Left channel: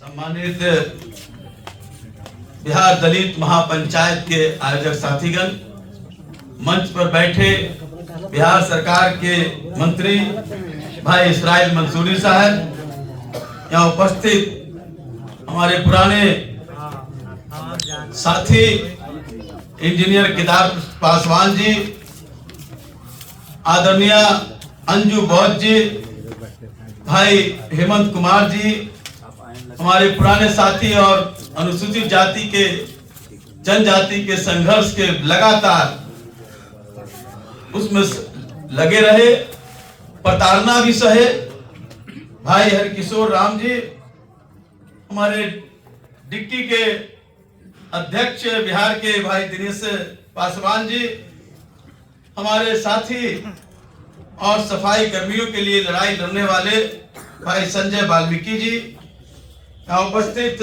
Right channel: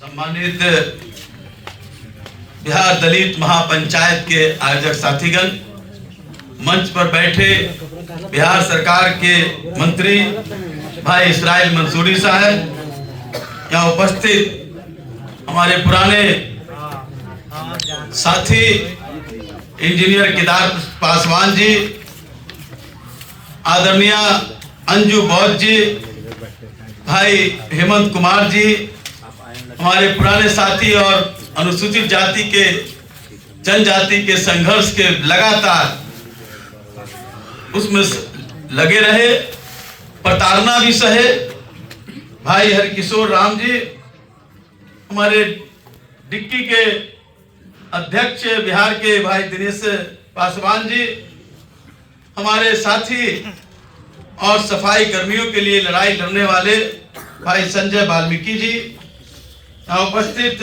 सम्मानित बिहार दलित महापंचायत के आयोजक साथीगण, मंच पर बैठे बिहार सरकार के मंत्री भाई इसराइल मंसूरी साहब, यहाँ उपस्थित हमारे पुराने साथी इंजीनियर केदार पासवान जी, आदरणीय अंजू बौद्ध जी, भाई हेमंत कुमार जी, हमारे पुराने साथी और अनुसूचित जाति के जनजाति के संघर्ष के लगातार उसमें लगे रहे, प्रताड़ना भी सहे भाई हरकिशोर राम जी, हमारे डिक्की के अध्यक्ष बिहार के भाई दिनेश पासवान जी, हमारे साथी और सफाई कर्मियों के लिए लड़ाई लड़ने वाले भाई संजय वाल्मीकि जी, यहाँ उपस्थित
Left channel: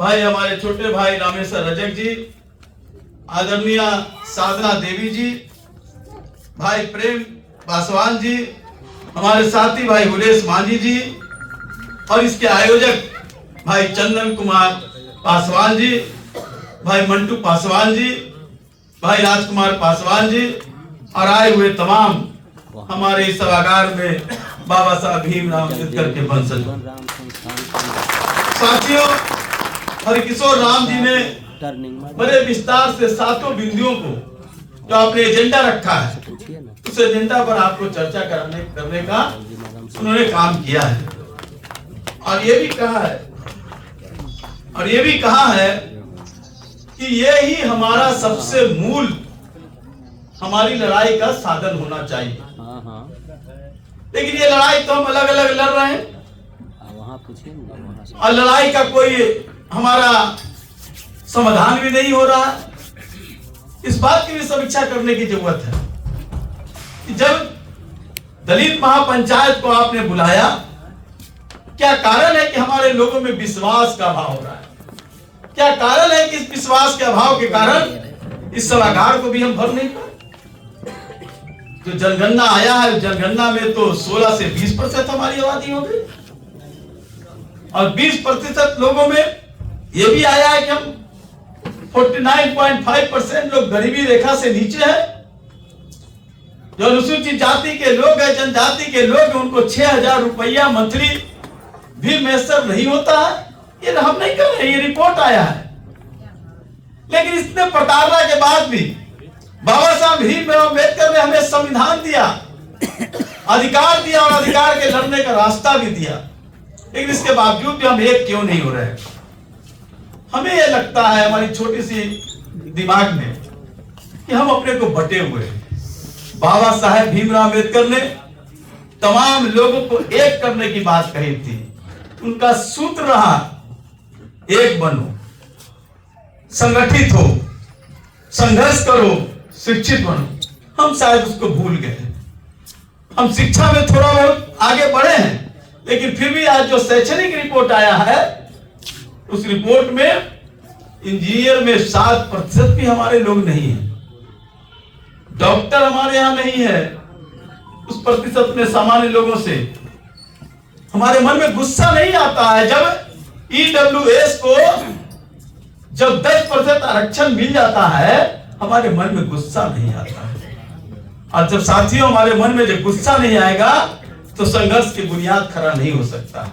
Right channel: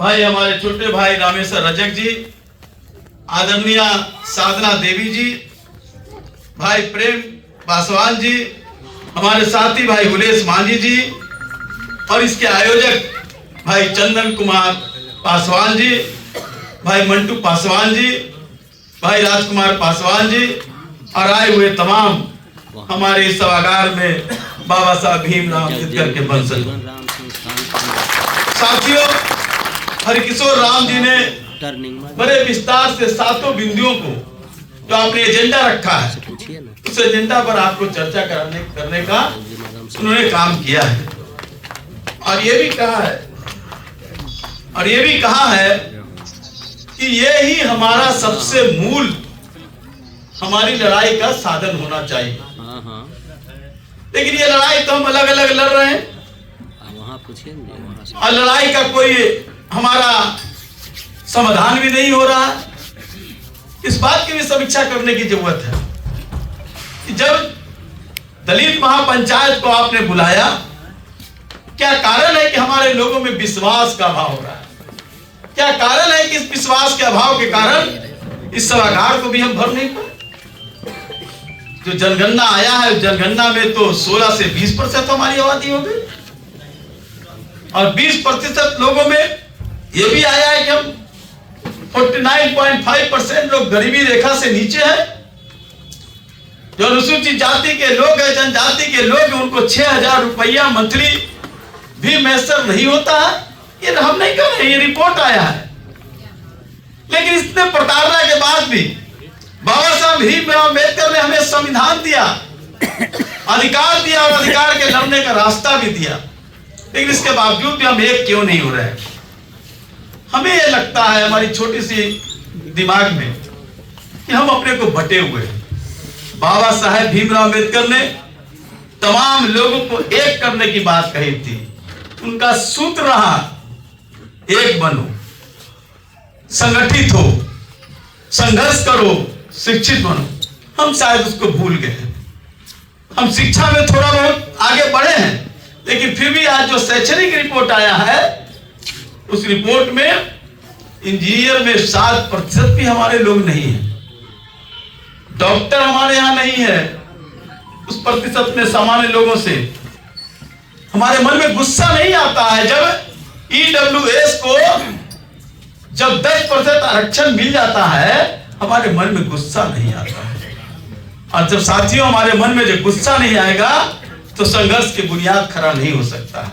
भाई हमारे छोटे भाई रामेश्वर रजक जी, आदरणीय साधना देवी जी, भाई प्रेम पासवान जी, हमारे साथी भाई हुलेश मांझी जी और इसके आयोजक भाई चंदन कुमार पासवान जी, भाई मंटू पासवान जी, भाई राजकुमार पासवान जी और आए हुए तमाम हमारे इस सभागार में बाबा साहब भीमराव अम्बेडकर के वंशज साथियों, हरकिशोर राम जी ने बड़े विस्तार से 7 बिंदुओं को जो आपने एजेंडा रखा है, उस एजेंडा पर आपको चर्चा करने का उन्होंने काम किया है और ये भी कहा है कि ये ही हमारा सबसे मूल हमारी लड़ाई का साधन होना चाहिए। लेकिन ये लड़ाई तो हम अलग अलग लड़ रहे हैं और लड़ाई का कोई हमारा समाधान भी नहीं हो रहा। इस बात की भी समीक्षा करने की जरूरत है कि जब दलित महापंचायत को आपने बुलाया, क्या कारण है कि हमारे लोगों में विश्वास का अभाव हो रहा है? क्या कारण है कि इस विश्वास के अभाव के कारण इस सभागार को भी हम भर नहीं पाए? जो जनगणना आया है, जनगणना में तो 16 से 20% हमारी आबादी हो गई और 20% लोगों में यह भी आया है कि हम 49.5% लोग गरीबी रेखा से नीचे हैं। जो अनुसूचित जाति के लोग हैं, जनजाति के लोग हैं, उनको 6,000 रुपया मंथली भी मैसर नहीं होता है। ये हम नहीं कर रहे, ये रिपोर्ट आया है। लेकिन इतने प्रताड़ना के बाद भी बाबा साहब भीमराव अम्बेडकर ने हमें संविधान दिया, अधिकार दिया और अधिकार के लड़ने का रास्ता भी दिया, लेकिन इसके बावजूद भी हम एक क्यों नहीं हो रहे? हमें यह लगता है हमारी छोटी सी दिमाग में कि हम अपने को बटे हुए हैं। बाबा साहेब भीमराव अम्बेडकर ने तमाम लोगों को एक करने की बात कही थी। उनका सूत्र रहा, एक बनो, संगठित हो, संघर्ष करो, शिक्षित बनो। हम शायद उसको भूल गए। हम शिक्षा में थोड़ा बहुत आगे बढ़े हैं, लेकिन फिर भी आज जो शैक्षणिक रिपोर्ट आया है, उस रिपोर्ट में इंजीनियर में 7% भी हमारे लोग नहीं है, डॉक्टर हमारे यहाँ नहीं है उस प्रतिशत में सामान्य लोगों से। हमारे मन में गुस्सा नहीं आता है जब ईडब्ल्यूएस को जब 10% आरक्षण मिल जाता है, हमारे मन में गुस्सा नहीं आता है। और जब साथियों हमारे मन में जो गुस्सा नहीं आएगा तो संघर्ष की बुनियाद खड़ा नहीं हो सकता है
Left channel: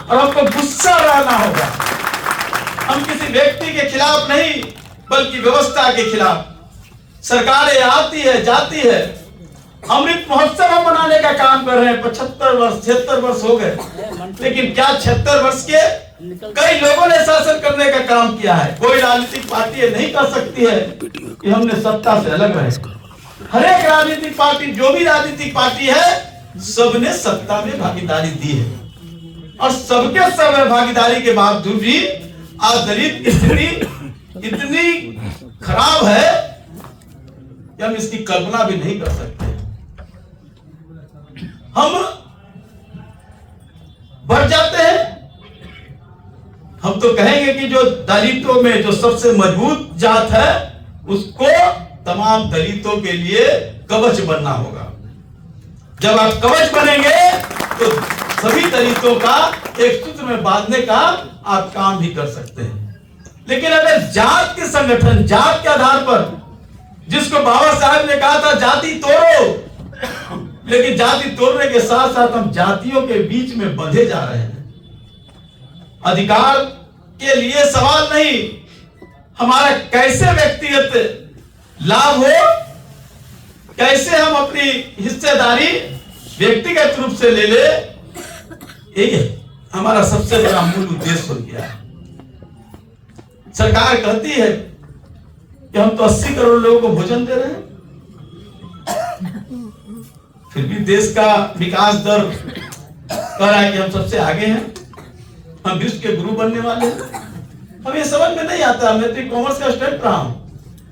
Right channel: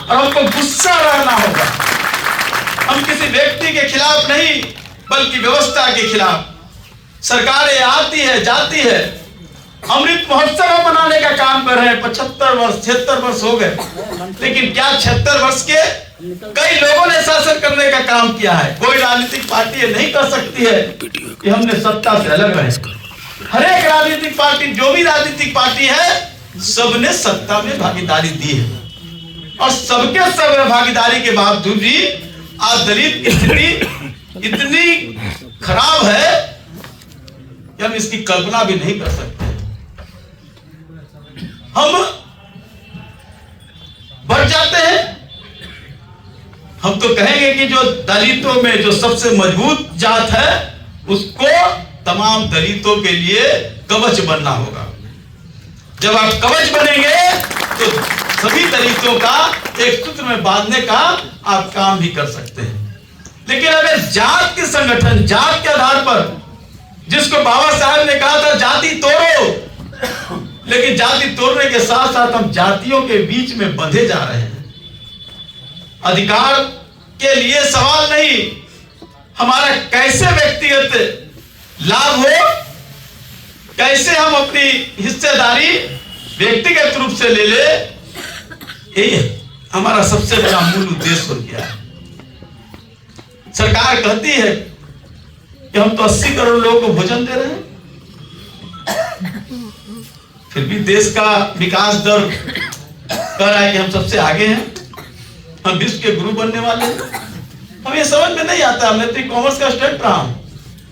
और हमको गुस्सा रहना होगा। हम किसी व्यक्ति के खिलाफ नहीं, बल्कि व्यवस्था के खिलाफ। सरकारें आती है, जाती है, अमृत महोत्सव मनाने का काम कर रहे हैं। 75 वर्ष 76 वर्ष हो गए, लेकिन क्या 76 वर्ष के कई लोगों ने शासन करने का काम किया है? कोई राजनीतिक पार्टी नहीं कर सकती है कि हमने सत्ता से अलग रहे। हर एक राजनीतिक पार्टी, जो भी राजनीतिक पार्टी है, सबने सत्ता में भागीदारी दी है और सबके सब भागीदारी के बावजूद भी आज दलित की स्थिति इतनी खराब है कि हम इसकी कल्पना भी नहीं कर सकते। हम बढ़ जाते हैं। हम तो कहेंगे कि जो दलितों में जो सबसे मजबूत जात है, उसको तमाम दलितों के लिए कवच बनना होगा। जब आप कवच बनेंगे तो सभी दलित हिस्सों का एक सूत्र में बांधने का आप काम भी कर सकते हैं। लेकिन अगर जात के संगठन, जात के आधार पर, जिसको बाबा साहब ने कहा था जाति तोड़ो, लेकिन जाति तोड़ने के साथ साथ हम जातियों के बीच में बंधे जा रहे हैं। अधिकार के लिए सवाल नहीं, हमारा कैसे व्यक्तिगत लाभ हो, कैसे हम अपनी हिस्सेदारी व्यक्तिगत रूप से ले ले, यही हमारा सबसे बड़ा मूल उद्देश्य हो गया है। सरकार कहती है कि हम तो 80 करोड़ लोगों को भोजन दे रहे हैं, फिर भी देश का विकास दर कह रहा है कि हम सबसे आगे हैं, हम विश्व के गुरु बनने वाले हैं। अब ये समझ में नहीं आता। मैं तो कॉमर्स का स्टूडेंट रहा हूं,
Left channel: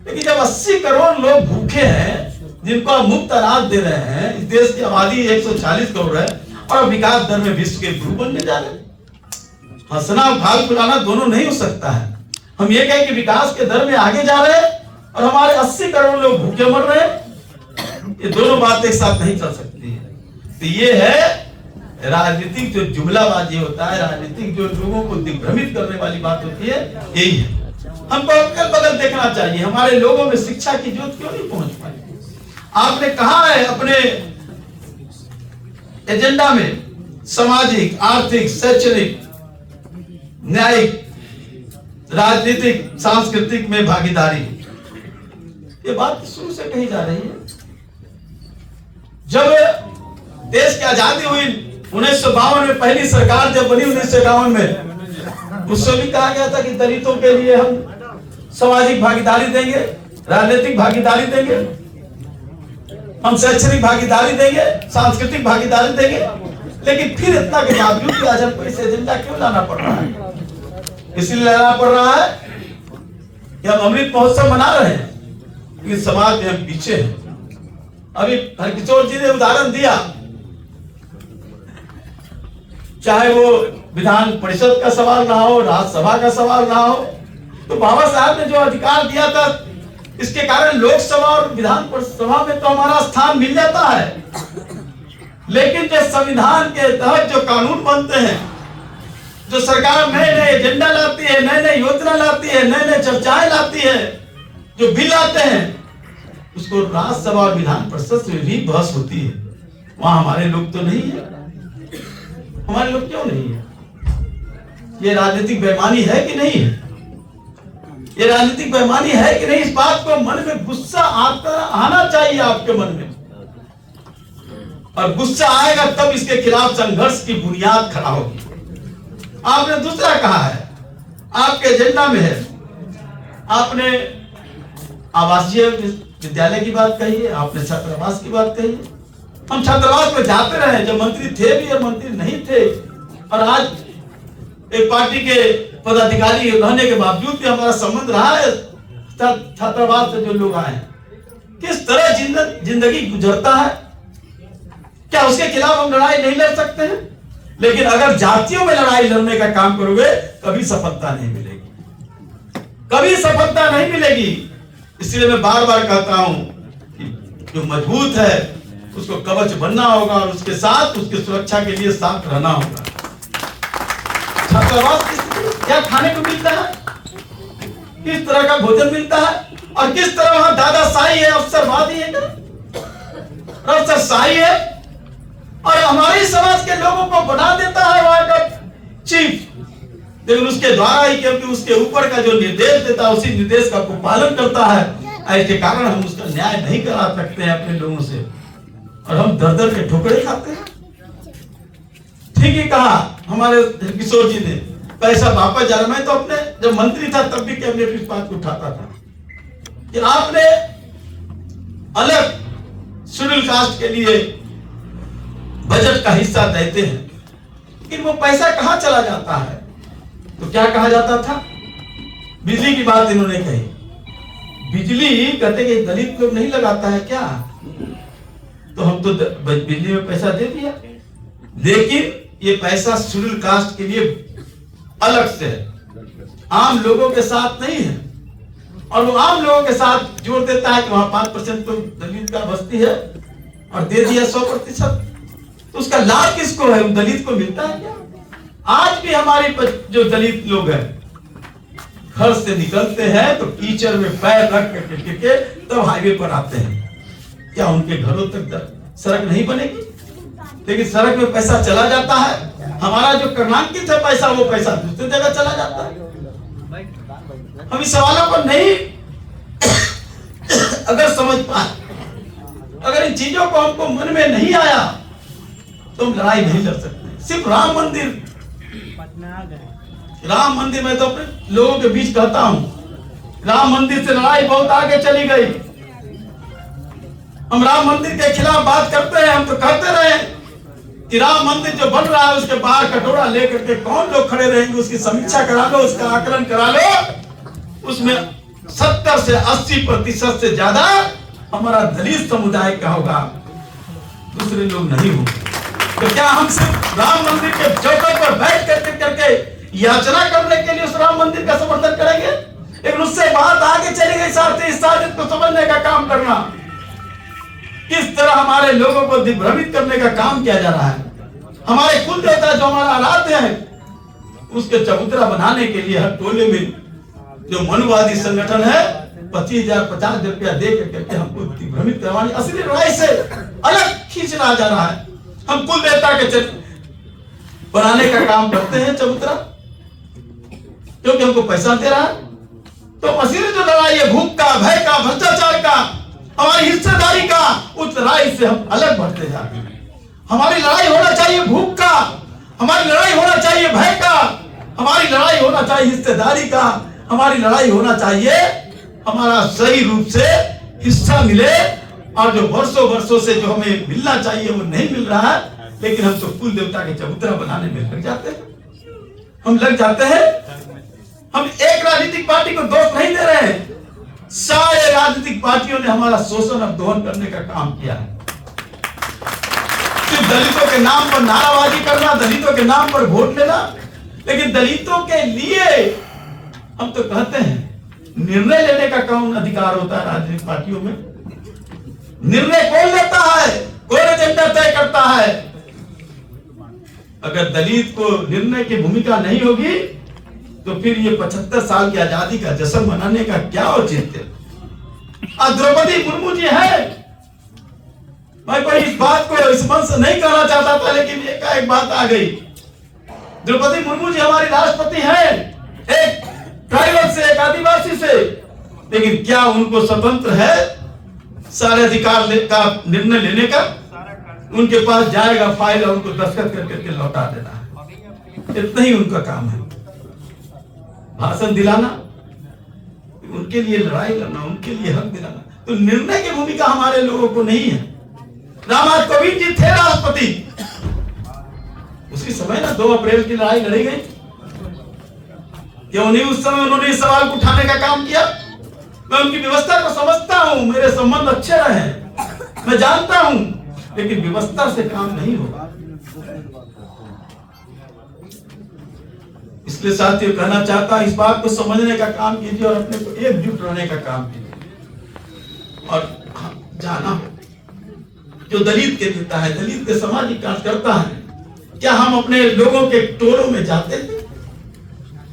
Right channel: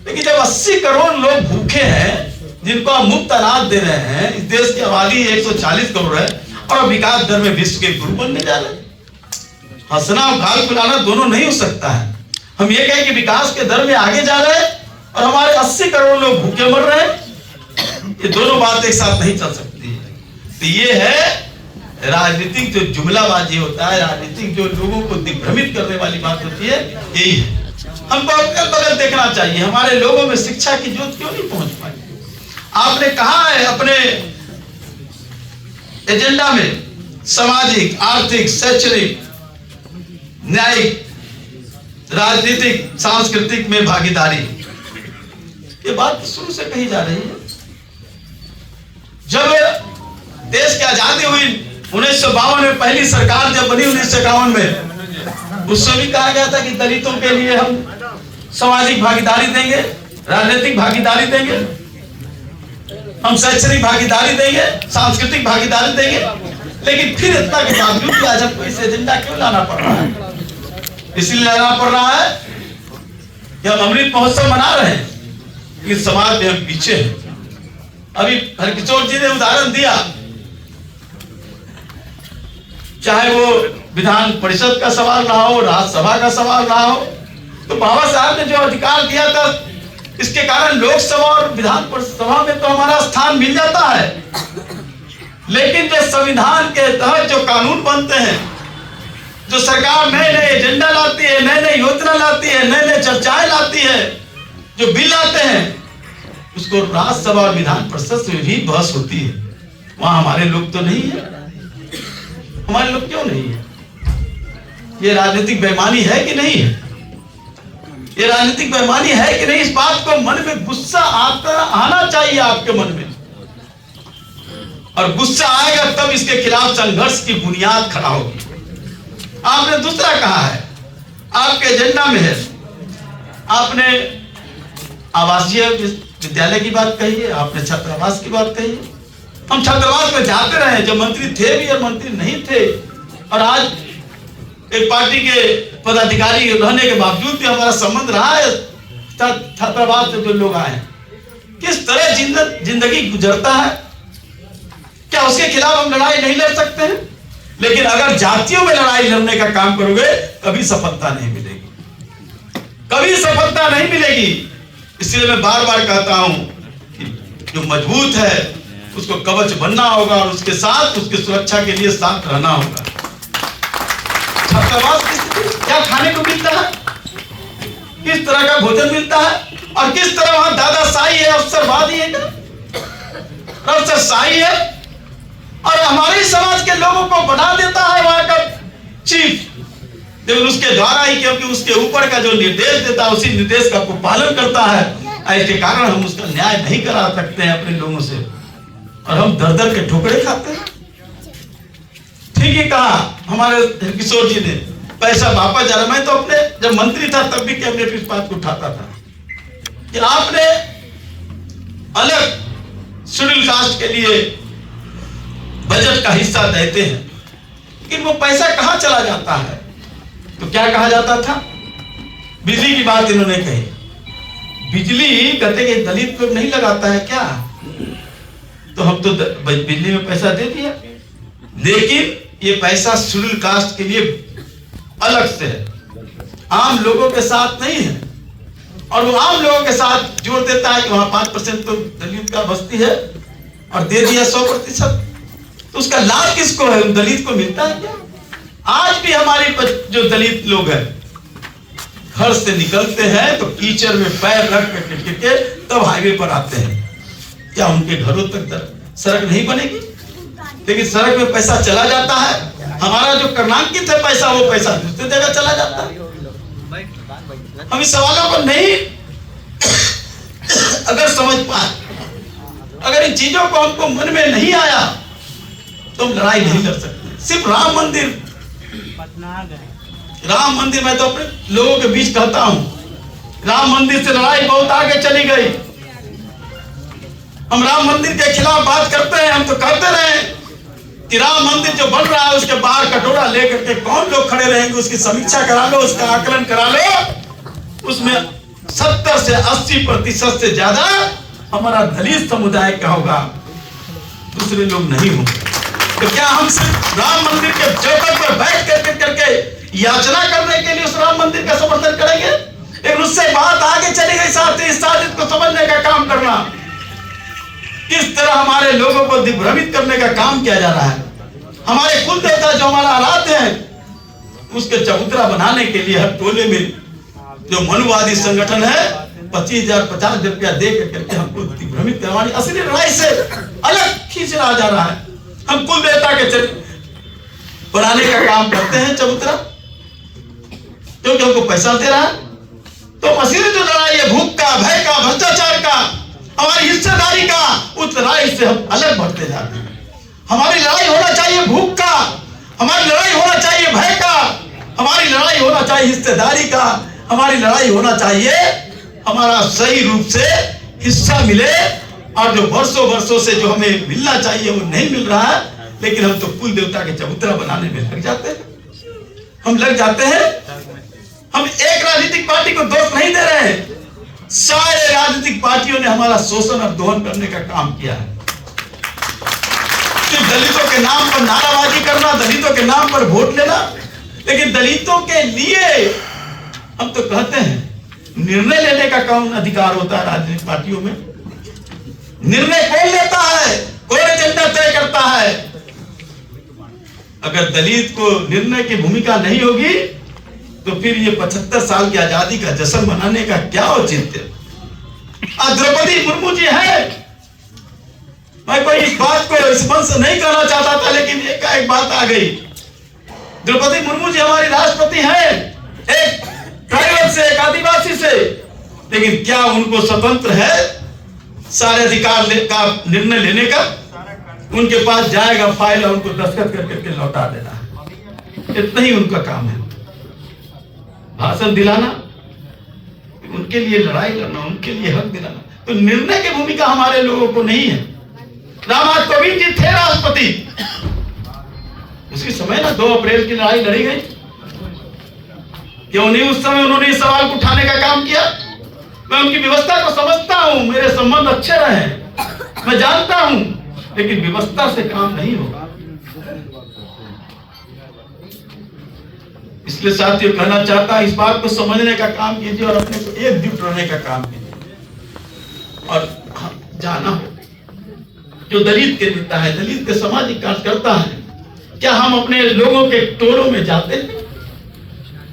लेकिन जब 80 करोड़ लोग भूखे हैं, जिनको आप मुफ्त अनाज दे रहे हैं, इस देश की आबादी 140 करोड़ है और विकास दर में विश्व के गुरु बनने जा रहे हैं। हंसना और घाल फुलाना दोनों नहीं हो सकता है। हम ये कहें कि विकास के दर में आगे जा रहे हैं और हमारे 80 करोड़ लोग भूखे मर रहे हैं, ये दोनों बातें एक साथ नहीं चल सकती। तो ये है राजनीतिक जो जुमलाबाजी होता है, राजनीतिक जो लोगों को दिग्भ्रमित करने वाली बात होती है, यही है। हमको अगल बगल देखना चाहिए, हमारे लोगों में शिक्षा की जोत क्यों नहीं पहुंच पाई। आपने कहा है अपने एजेंडा में सामाजिक, आर्थिक, शैक्षणिक, न्यायिक, राजनीतिक, सांस्कृतिक में भागीदारी, ये बात शुरू से कही जा रही है। जब देश की आजादी हुई 1952 में, पहली सरकार जब बनी 1951 में, उससे भी कहा गया था कि दलितों के लिए हम सामाजिक भागीदारी देंगे, राजनीतिक भागीदारी देंगे, हम शैक्षणिक भागीदारी देंगे, सांस्कृतिक भागीदारी देंगे। लेकिन फिर इतना के बावजूद भी आज हमको इस एजेंडा क्यों लाना पड़ रहा है? इसलिए लाना पड़ रहा है कि हम अमृत महोत्सव मना रहे हैं, लेकिन समाज में हम पीछे हैं। अभी हरकिशोर जी ने उदाहरण दिया, चाहे वो विधान परिषद का सवाल रहा हो, राज्यसभा का सवाल रहा हो, तो बाबा साहब ने जो अधिकार दिया था, इसके कारण लोकसभा और विधान सभा में तो हमारा स्थान मिल जाता है। लेकिन जो संविधान के तहत जो कानून बनते हैं, जो सरकार नए नए एजेंडा लाती है, नए नए योजना लाती है, नए नए चर्चाएं लाती है, जो बिल लाते हैं, उसको राज्यसभा और विधान परिषद में भी बहस होती है। वहां हमारे लोग तो नहीं है। हमारे लोग क्यों नहीं है? ये राजनीतिक बेईमानी है कि नहीं है? ये राजनीतिक बेईमानी है कि नहीं? इस बात को मन में गुस्सा आना चाहिए आपके मन में, और गुस्सा आएगा तब इसके खिलाफ संघर्ष की बुनियाद खड़ा होगी। आपने दूसरा कहा है, आपके एजेंडा में है, आपने आवासीय विद्यालय की बात कही है, आपने छात्रावास की बात कही है। हम छात्रावास में जाते रहे, जो मंत्री थे भी और मंत्री नहीं थे, और आज एक पार्टी के पदाधिकारी रहने के बावजूद भी हमारा संबंध रहा है छात्रावास से जो लोग आए। किस तरह जिंदगी गुजरता है, क्या उसके खिलाफ हम लड़ाई नहीं लड़ सकते हैं? लेकिन अगर जातियों में लड़ाई लड़ने का काम करोगे, कभी सफलता नहीं मिलेगी, कभी सफलता नहीं मिलेगी। इसलिए मैं बार बार कहता हूं कि जो मजबूत है उसको कवच बनना होगा, और उसके साथ उसकी सुरक्षा के लिए साथ रहना होगा। छात्रावास क्या खाने को मिलता है, किस तरह का भोजन मिलता है, और किस तरह वहां दादाशाही है, अफसरवादी है, अफसरशाही है, और हमारे समाज के लोगों को बना देता है वहां का चीफ। लेकिन उसके द्वारा ही, क्योंकि उसके ऊपर का जो निर्देश देता है, उसी निर्देश का को पालन करता है। इसके कारण हम उसका न्याय नहीं करा सकते हैं अपने लोगों से, और हम दर दर के ठोकरे खाते हैं। ठीक ही कहा हमारे किशोर जी ने, पैसा वापस जा रहा। मैं तो अपने जब मंत्री था तब भी कैबिनेट इस बात को उठाता था कि आपने अलग शेड्यूल कास्ट के लिए बजट का हिस्सा देते हैं, लेकिन वो पैसा कहां चला जाता है? तो क्या कहा जाता था? बिजली की बात इन्होंने कही, बिजली कहते कि दलित लोग नहीं लगाता है क्या, तो हम तो बिजली में पैसा दे दिया। लेकिन ये पैसा शेड्यूल कास्ट के लिए अलग से है, आम लोगों के साथ नहीं है। और वो आम लोगों के साथ जोड़ देता है कि वहां 5% तो दलित का बस्ती है, और दे दिया 100%। तो उसका लाभ किसको है? उन दलित को मिलता है क्या? आज भी हमारे जो दलित लोग हैं घर से निकलते हैं तो कीचड़ में पैर रख के तब हाईवे पर आते हैं। क्या उनके घरों तक सड़क नहीं बनेगी? लेकिन सड़क में पैसा चला जाता है, हमारा जो कर्णांकित है पैसा, वो पैसा दूसरी जगह चला जाता है। हम इस सवालों पर नहीं अगर समझ पाए, अगर इन चीजों को हमको मन में नहीं आया तो हम लड़ाई नहीं लड़ सकते। सिर्फ राम मंदिर मैं तो अपने लोगों के बीच कहता हूं, राम मंदिर से लड़ाई बहुत आगे चली गई। हम राम मंदिर के खिलाफ बात करते हैं, हम तो कहते रहे कि राम मंदिर जो बन रहा है उसके बाहर कटोरा लेकर के कौन लोग खड़े रहेंगे, उसकी समीक्षा करा लो, उसका आकलन करा लो। उसमें 70 से 80% से ज्यादा हमारा दलित समुदाय का होगा, दूसरे लोग नहीं होंगे। तो क्या हम सिर्फ राम मंदिर के चौखट पर बैठ करके याचना करने के लिए उस राम मंदिर का समर्थन करेंगे? लेकिन उससे बात आगे चली गई, इस साजिश को समझने का काम करना, किस तरह हमारे लोगों को दिग्भ्रमित करने का काम किया जा रहा है। हमारे कुल देवता जो हमारा आराध्य है उसके चबूतरा बनाने के लिए हर टोले में जो मनुवादी संगठन है 25,000 50 रुपया दे करके हमको दिग्भ्रमित करवाने, असली लड़ाई से अलग खींचना जा रहा है। हम कुल देवता के बनाने का काम करते हैं चबूतरा, क्योंकि हमको पैसा दे रहा है। तो असली जो लड़ाई है भूख का, भय का, भ्रष्टाचार का, हमारी हिस्सेदारी का, उस लड़ाई से हम अलग बढ़ते जाते हैं। हमारी लड़ाई होना चाहिए भूख का, हमारी लड़ाई होना चाहिए भय का, हमारी लड़ाई होना चाहिए हिस्सेदारी का, हमारी लड़ाई होना चाहिए हमारा सही रूप से हिस्सा मिले। और जो वर्षों से जो हमें मिलना चाहिए वो नहीं मिल रहा है, लेकिन हम तो कुल देवता के चबूतरा बनाने में लग जाते हैं। हम लग जाते हैं। हम एक राजनीतिक पार्टी को दोष नहीं दे रहे हैं, सारे राजनीतिक पार्टियों ने हमारा शोषण और दोहन करने का काम किया है। कि दलितों के नाम पर नाराबाजी करना, दलितों के नाम पर वोट लेना, लेकिन दलितों के लिए हम तो कहते हैं निर्णय लेने का कौन अधिकार होता है राजनीतिक पार्टियों में? निर्णय कौन लेता है? कौन एजेंडा तय करता है? अगर दलित को निर्णय की भूमिका नहीं होगी तो फिर ये 75 साल की आजादी का जश्न मनाने का क्या औचित्य? द्रौपदी मुर्मू जी है, मैं कोई इस बात को इस मन से नहीं कहना चाहता था, लेकिन एक बात आ गई। द्रौपदी मुर्मू जी हमारी राष्ट्रपति है, एक ट्राइबल से, एक आदिवासी से, लेकिन क्या उनको स्वतंत्र है सारे अधिकार का निर्णय लेने का? उनके पास जाएगा फाइल और उनको दस्तखत करके लौटा देना, इतना ही उनका काम है। भाषण दिलाना, उनके लिए लड़ाई लड़ना, उनके लिए हक दिलाना, तो निर्णय की भूमिका हमारे लोगों को नहीं है। रामनाथ कोविंद जी थे राष्ट्रपति, उसी समय ना 2 अप्रैल की लड़ाई लड़ी गई, क्यों नहीं उस समय उन्होंने इस सवाल को उठाने का काम किया? मैं उनकी व्यवस्था को समझता हूं, मेरे संबंध अच्छे रहे, मैं जानता हूं, लेकिन व्यवस्था से काम नहीं होगा। इसलिए साथियों कहना चाहता हूं, इस बात को समझने का काम कीजिए और अपने को एकजुट रहने का काम कीजिए। और जाना जो दलित के नेता है, दलित के सामाजिक कार्य करता है, क्या हम अपने लोगों के टोलों में जाते हैं?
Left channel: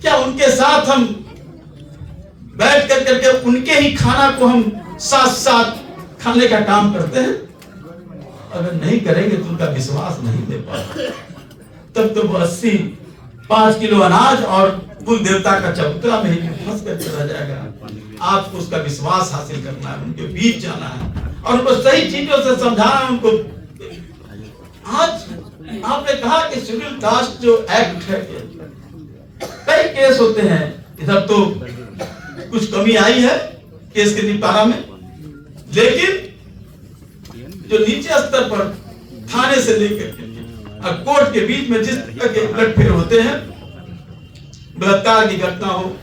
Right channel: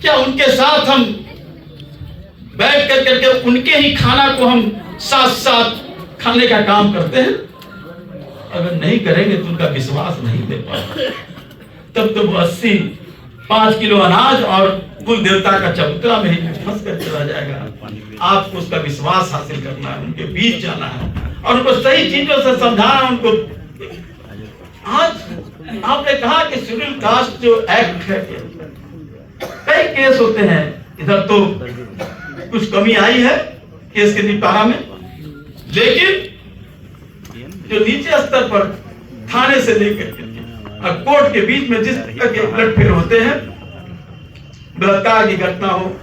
क्या उनके साथ हम बैठ कर करके उनके ही खाना को हम साथ साथ खाने का काम करते हैं? अगर नहीं करेंगे तो उनका विश्वास नहीं ले पाएंगे। तब तो वो 85 किलो अनाज और कुल देवता का चबूतरा में ही फंस कर चला जाएगा। आपको उसका विश्वास हासिल करना है, उनके बीच जाना है और उनको सही चीजों से समझाना। उनको आज आपने कहा कि शेड्यूल कास्ट जो एक्ट है, कई केस होते हैं, इधर तो कुछ कमी आई है केस के निपटारा में, लेकिन जो नीचे स्तर पर थाने से लेकर और कोर्ट के बीच में जिस तरह के उलटफेर होते हैं, बलात्कार की घटना हो,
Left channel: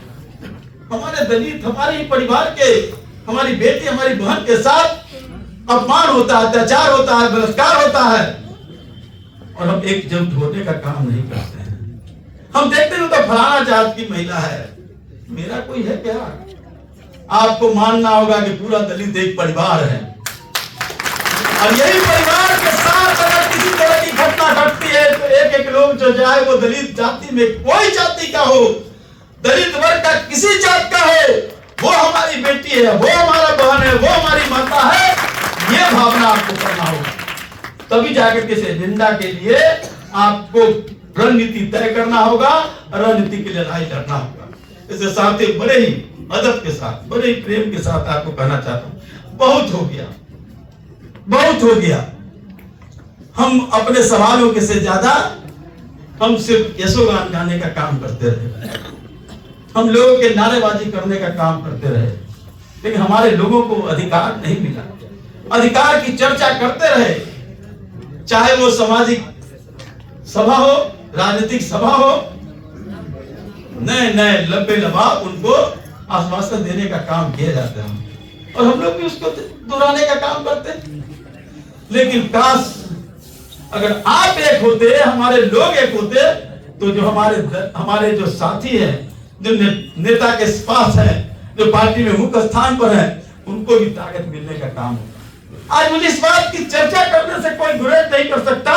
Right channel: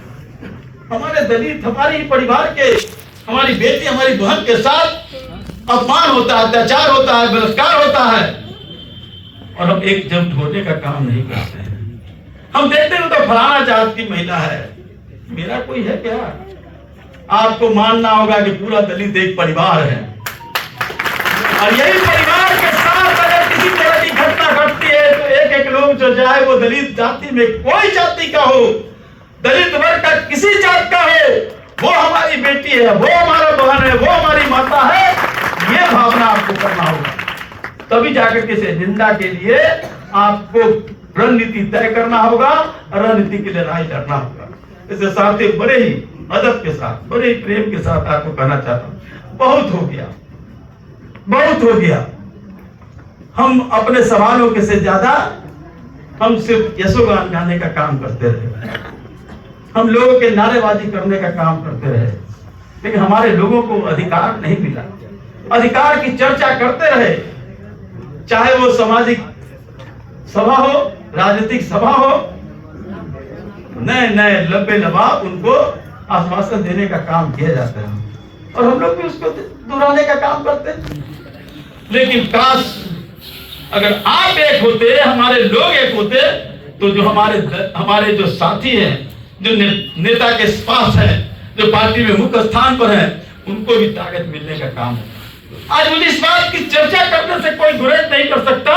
हमारे दलित, हमारे परिवार के, हमारी बेटी, हमारी बहन के साथ अपमान होता है, अत्याचार होता है, बलात्कार होता है, और हम एकजुट होने का काम नहीं करते हैं। हम देखते हैं तो फलाना जात की महिला है, मेरा कोई है क्या? आपको मानना होगा कि पूरा दलित एक परिवार है, और यही परिवार के साथ अगर किसी तरह की घटना घटना घटती है तो एक एक लोग जो जाए वो दलित जाति में कोई जाति का हो, दलित वर्ग का किसी जात का हो, वो हमारी बेटी है, वो हमारा बहन है, वो हमारी माता है, ये भावना आपको करना होगा। तभी जाकर के इस एजेंडा के लिए आपको रणनीति तय करना होगा, रणनीति की लड़ाई लड़ना होगा। इसके साथ ही बड़े ही अदब के साथ, बड़े ही प्रेम के साथ आपको कहना चाहता हूं, बहुत हो गया, बहुत हो गया। हम अपने सवालों के से ज्यादा हम सिर्फ यशोगान गाने का काम करते रहे, हम लोगों के नारेबाजी करने का काम करते रहे, लेकिन हमारे लोगों को अधिकार नहीं मिला। अधिकार की चर्चा करते रहे, चाहे वो सामाजिक सभा हो, राजनीतिक सभा हो, नए नए लंबे लबाब उनको आश्वासन देने का काम किया जाता है और हम लोग भी उसको दोहराने का काम करते हैं। लेकिन काश अगर आप एक होते, हमारे लोग एक होते, तो जो हमारे जो साथी हैं, जो नेता के पास है, जो पार्टी में मुख्य स्थान पर है, उनको भी ताकत मिलने का काम है। आज मुझे इस बात की चर्चा करने से कोई गुरेज नहीं कर सकता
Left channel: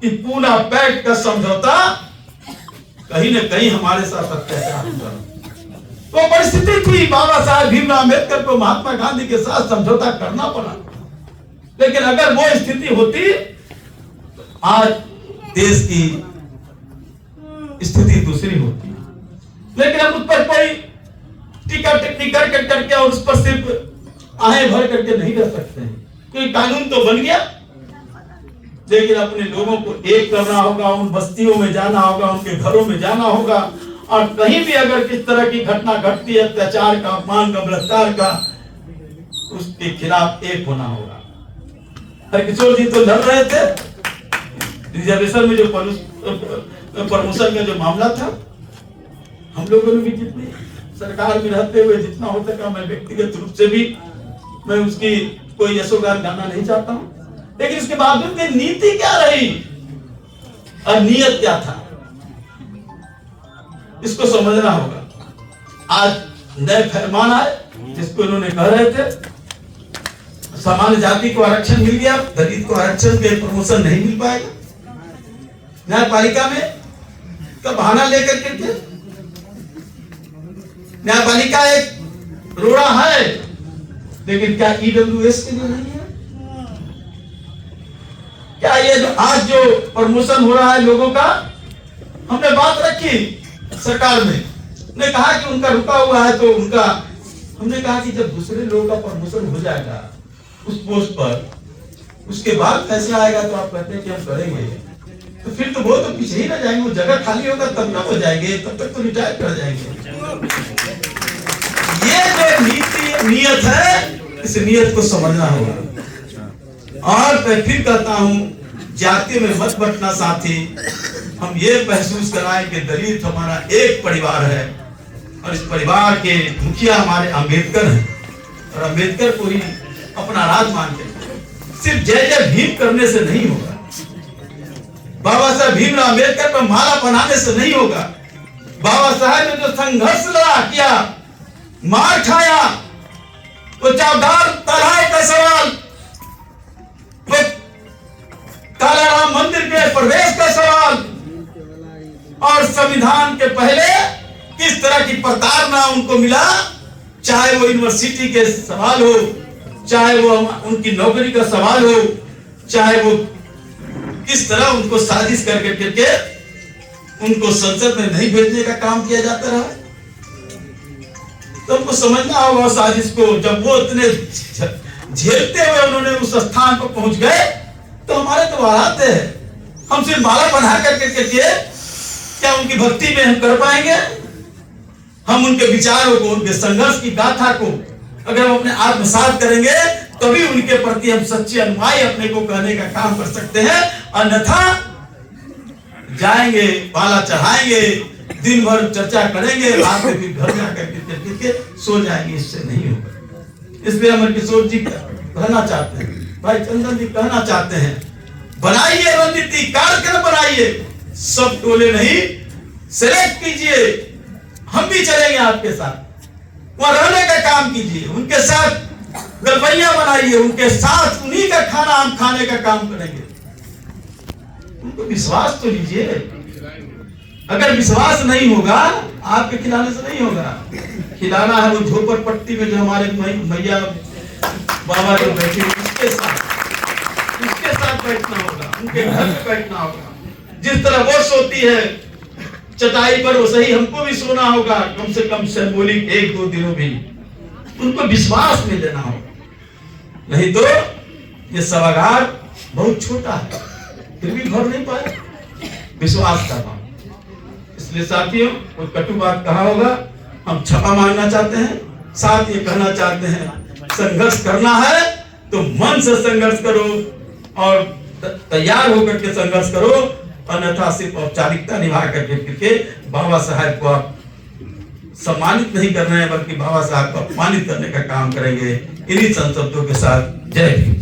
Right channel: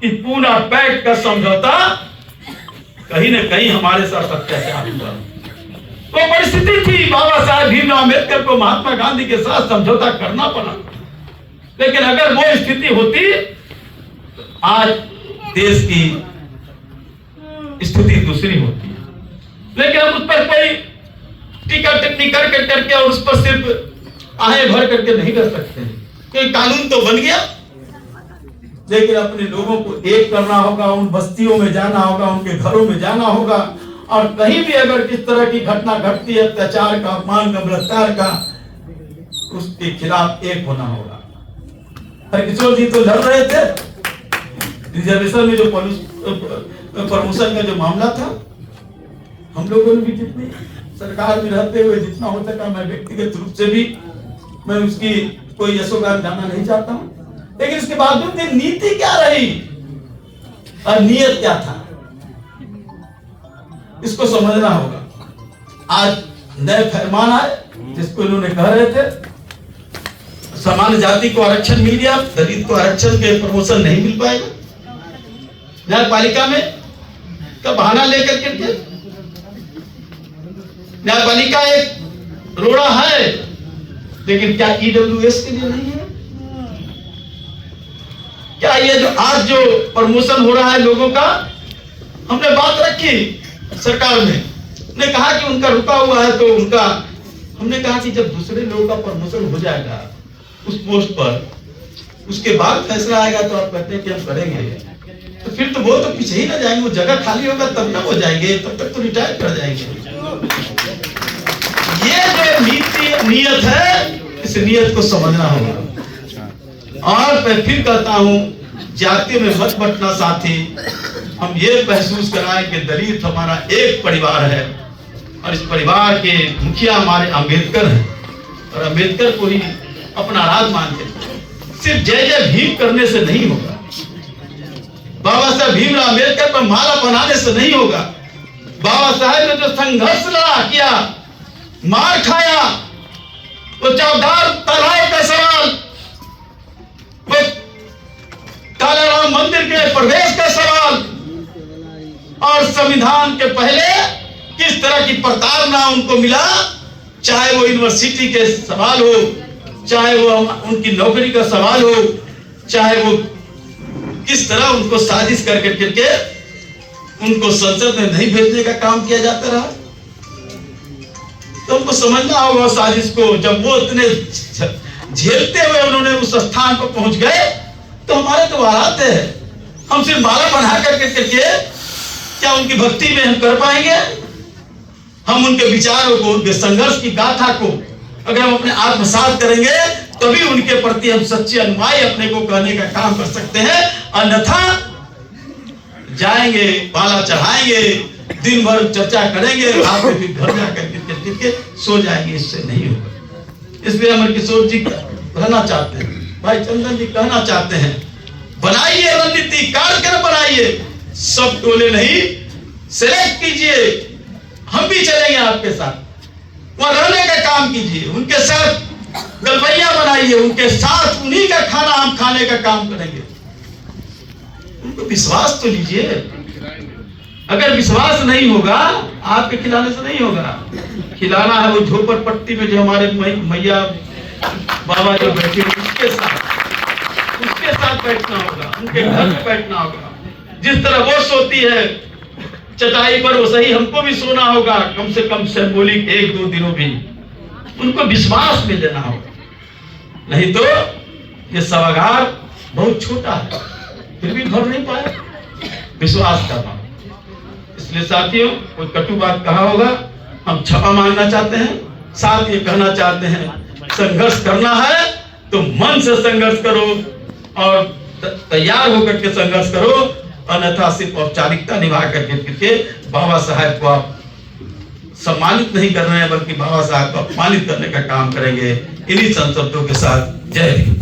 कि पूना पैक्ट का समझौता कहीं न कहीं हमारे साथ अत्याचार हुआ। वो परिस्थिति थी, बाबा साहब भीमराव अम्बेडकर को महात्मा गांधी के साथ समझौता करना पड़ा, लेकिन अगर वो स्थिति होती तो आज देश की स्थिति दूसरी होती है। लेकिन हम उस पर कोई टीका टिप्पणी करके और उस पर सिर्फ आहे भर करके नहीं कर सकते हैं, क्योंकि कानून तो बन गया, लेकिन अपने लोगों को एक करना होगा, उन बस्तियों में जाना होगा, उनके घरों में जाना होगा, और कहीं भी अगर किस तरह की घटना घटती है, अत्याचार का, अपमान का, बलात्कार का, उसके खिलाफ एक होना होगा। हरकिशोर जी तो लड़ रहे थे रिजर्वेशन में, जो प्रमोशन का जो मामला था, हम लोगों ने भी जितनी सरकार में रहते हुए जितना हो सका, मैं व्यक्तिगत रूप से भी मैं उसकी कोई यशोगान गाना नहीं चाहता हूं, लेकिन इसके बावजूद नीति क्या रही और नियत क्या था, इसको समझना होगा। आज नए फरमान आए जिसको इन्होंने कह रहे थे सामान्य जाति को आरक्षण मिल गया, दलित को आरक्षण के प्रमोशन नहीं मिल पाएगा। न्यायपालिका में का बहाना लेकर के, न्यायपालिका एक रोड़ा है, लेकिन क्या ईडब्ल्यूएस के लिए नहीं है? क्या ये जो आज जो प्रमोशन हो रहा है लोगों का, हमने बात रखी सरकार में, ने कहा कि उनका रुका हुआ है, तो उनका हमने कहा कि जब दूसरे लोगों का प्रमोशन हो जाएगा उस पोस्ट पर, उसके बाद फैसला आएगा, तो आप कहते हैं कि हम करेंगे, तो फिर तो वो तो पीछे ही ना जाएंगे, वो जगह खाली होगा तब ना वो जाएंगे, तब तक तो रिटायर कर जाएंगे। ये जो नीति नियत है, इस नियत को समझना होगा। और मैं फिर कहता हूं, जातियों में मत बंटना साथी, हम ये महसूस कराएं कि दलित हमारा एक परिवार है और इस परिवार के मुखिया हमारे अंबेडकर हैं, और अंबेडकर को ही अपना राज मान के सिर्फ जय जय भीम करने से नहीं होगा, बाबा साहब भीमराव अम्बेडकर पर माला बनाने से नहीं होगा। बाबा साहब ने जो संघर्ष लड़ा किया, मार खाया, वो चौधार तालाब का सवाल, वो कालाराम मंदिर के प्रवेश का सवाल, और संविधान के पहले किस तरह की प्रताड़ना उनको मिला, चाहे वो यूनिवर्सिटी के सवाल हो, चाहे वो उनकी नौकरी का सवाल हो, चाहे वो किस तरह उनको साजिश करके उनको संसद में नहीं भेजने का काम किया जाता रहा। तो उनको समझना होगा साजिश को। जब वो इतने झेलते हुए उन्होंने उस स्थान पर पहुंच गए, तो हमारे तो हालात है, हम सिर्फ माला बना करके क्या उनकी भक्ति में हम कर पाएंगे? हम उनके विचारों को, उनके संघर्ष की गाथा को अगर हम अपने आत्मसात करेंगे, तभी उनके प्रति हम सच्ची अनुयायी अपने को कहने का काम कर सकते हैं। अन्यथा जाएंगे, माला चढ़ाएंगे, दिन भर चर्चा करेंगे, रात में फिर घर जाकर के सो जाएंगे, इससे नहीं होगा। इसलिए अमर किशोर जी कहना चाहते हैं, भाई चंदन जी कहना चाहते हैं, बनाइए रणनीति, कार्यक्रम बनाइए, सब टोले नहीं, सिलेक्ट कीजिए, हम भी चलेंगे आपके साथ, वहां रहने का काम कीजिए, उनके साथ गलबैया बनाइए, उनके साथ उन्हीं का खाना हम खाने का काम करेंगे। उनको विश्वास तो लीजिए। अगर विश्वास नहीं होगा, आपके खिलाने से नहीं होगा। खिलाना है वो झोपड़पट्टी में जो हमारे मैया बाबा जो बैठे उसके साथ बैठना होगा, उनके घर में बैठना होगा। जिस तरह वो सोती है चटाई पर, वो सही हमको भी सोना होगा, कम से कम सिंबॉलिक 1-2 दिनों भी। उनको विश्वास में लेना होगा, नहीं तो ये सभागार बहुत छोटा है, फिर भी भर नहीं पाए। विश्वास करना। इसलिए साथियों, कोई कटु बात कहा होगा, हम क्षमा मांगना चाहते हैं। साथ ये कहना चाहते हैं, संघर्ष करना है तो मन से संघर्ष करो और तैयार होकर के संघर्ष करो, अन्यथा सिर्फ औपचारिकता निभा करके बाबा साहब को आप सम्मानित नहीं कर रहे हैं, बल्कि बाबा साहब को अपमानित करने का काम करेंगे। इन्हीं संशब्दों के साथ जय हिंद।